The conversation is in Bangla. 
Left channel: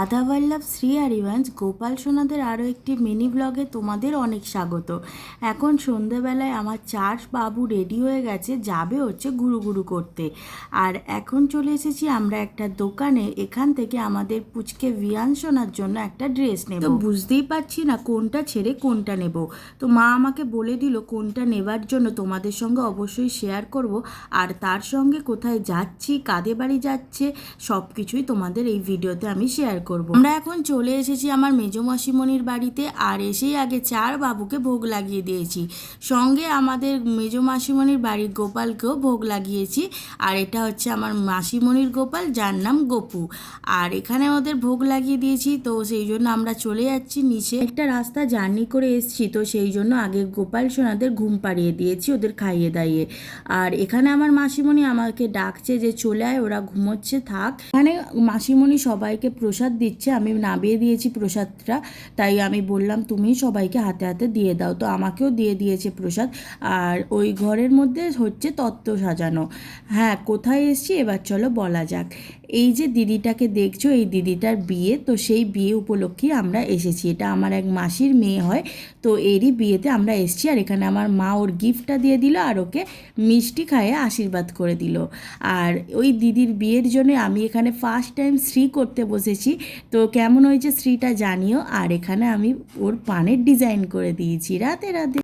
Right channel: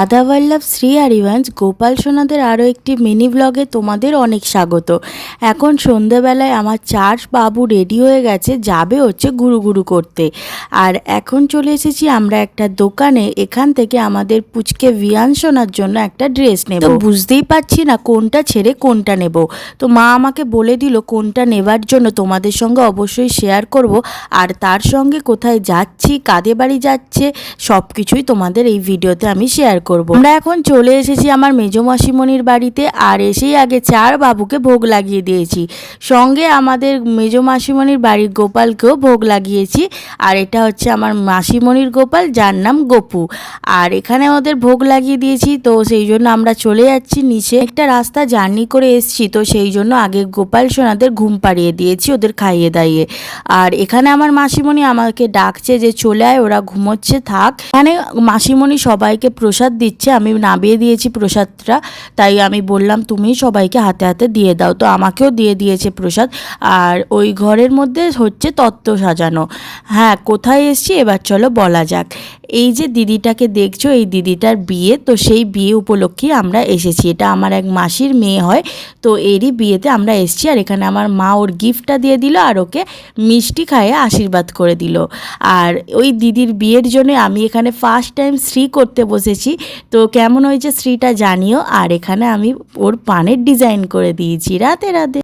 রাধাবল্লভ শ্রী হরিবংশ গোপাল সোনাদের আরও একটি মিনি ব্লগে তোমাদের অনেক স্বাগত। এখন সন্ধেবেলায় আমার চার বাবু রেডি হয়ে গেছে, যাবে হচ্ছে গুরু গুরু করতে। আর এখন চলে এসেছি আমরা একটা দোকানে, এখান থেকে আমাদের পুচকে ভিয়ান সোনার জন্য একটা ড্রেস নেব। তো বুঝতেই পারছি না কোনটা ছেড়ে কোনটা নেব। তো মা আমাকে বলে দিল কোনটা নেবার জন্য তোমাদের সঙ্গে অবশ্যই শেয়ার করব, আর তার সঙ্গে কোথায় যাচ্ছি, কাদের বাড়ি যাচ্ছে, সব কিছুই তোমাদের এই ভিডিওতে আমি শেয়ার করব। আমরা এখন চলে এসেছি আমার মেজো মাসিমণির বাড়িতে, আর এসেই আগে চার বাবুকে ভোগ লাগিয়ে দিয়েছি, সঙ্গে আমাদের মেজো মাসিমণির বাড়ির গোপালকেও ভোগ লাগিয়েছি। আর এটা হচ্ছে আমার মাসিমণির গোপাল, যার নাম গোপু। আর এখানে ওদের ভোগ লাগিয়ে দিয়েছি, তো সেই জন্য আমরা চলে যাচ্ছি নিচে। একটা রাস্তা জার্নি করে এসেছি, তো সেই জন্য আগে গোপাল সোনাদের ঘুম পাড়িয়ে দিয়েছি ওদের খাইয়ে দাইয়ে। আর এখানে আমার মাসিমণি আমাকে ডাকছে যে চলে আয়, ওরা ঘুমোচ্ছে, থাক। এখানে মাসিমণি সবাইকে প্রসাদ দিচ্ছে, আমি নামিয়ে দিয়েছি প্রসাদটা, তাই আমি বললাম তুমি সবাইকে হাতে হাতে দিয়ে দাও, তো আমাকেও দিয়ে দিয়েছে প্রসাদ। আর ওই ঘরের মধ্যে হচ্ছে তত্ত্ব সাজানো। হ্যাঁ, কোথায় এসছি এবার চলো বলা যাক। এই যে দিদিটাকে দেখছো, এই দিদিটার বিয়ে, তো সেই বিয়ে উপলক্ষে আমরা এসেছি। এটা আমার এক মাসির মেয়ে হয়, তো এরই বিয়েতে আমরা এসেছি। আর এখানে আমার মা ওর গিফটটা দিয়ে দিল, আর ওকে মিষ্টি খাইয়ে আশীর্বাদ করে দিল। আর ওই দিদির বিয়ের জন্য আমি এখানে ফার্স্ট টাইম শ্রী করতে বসেছি, তো কেমন হয়েছে শ্রীটা জানিও। আর এখানে আমি ওর পানের ডিজাইন করে দিয়েছি। রাধে রাধে।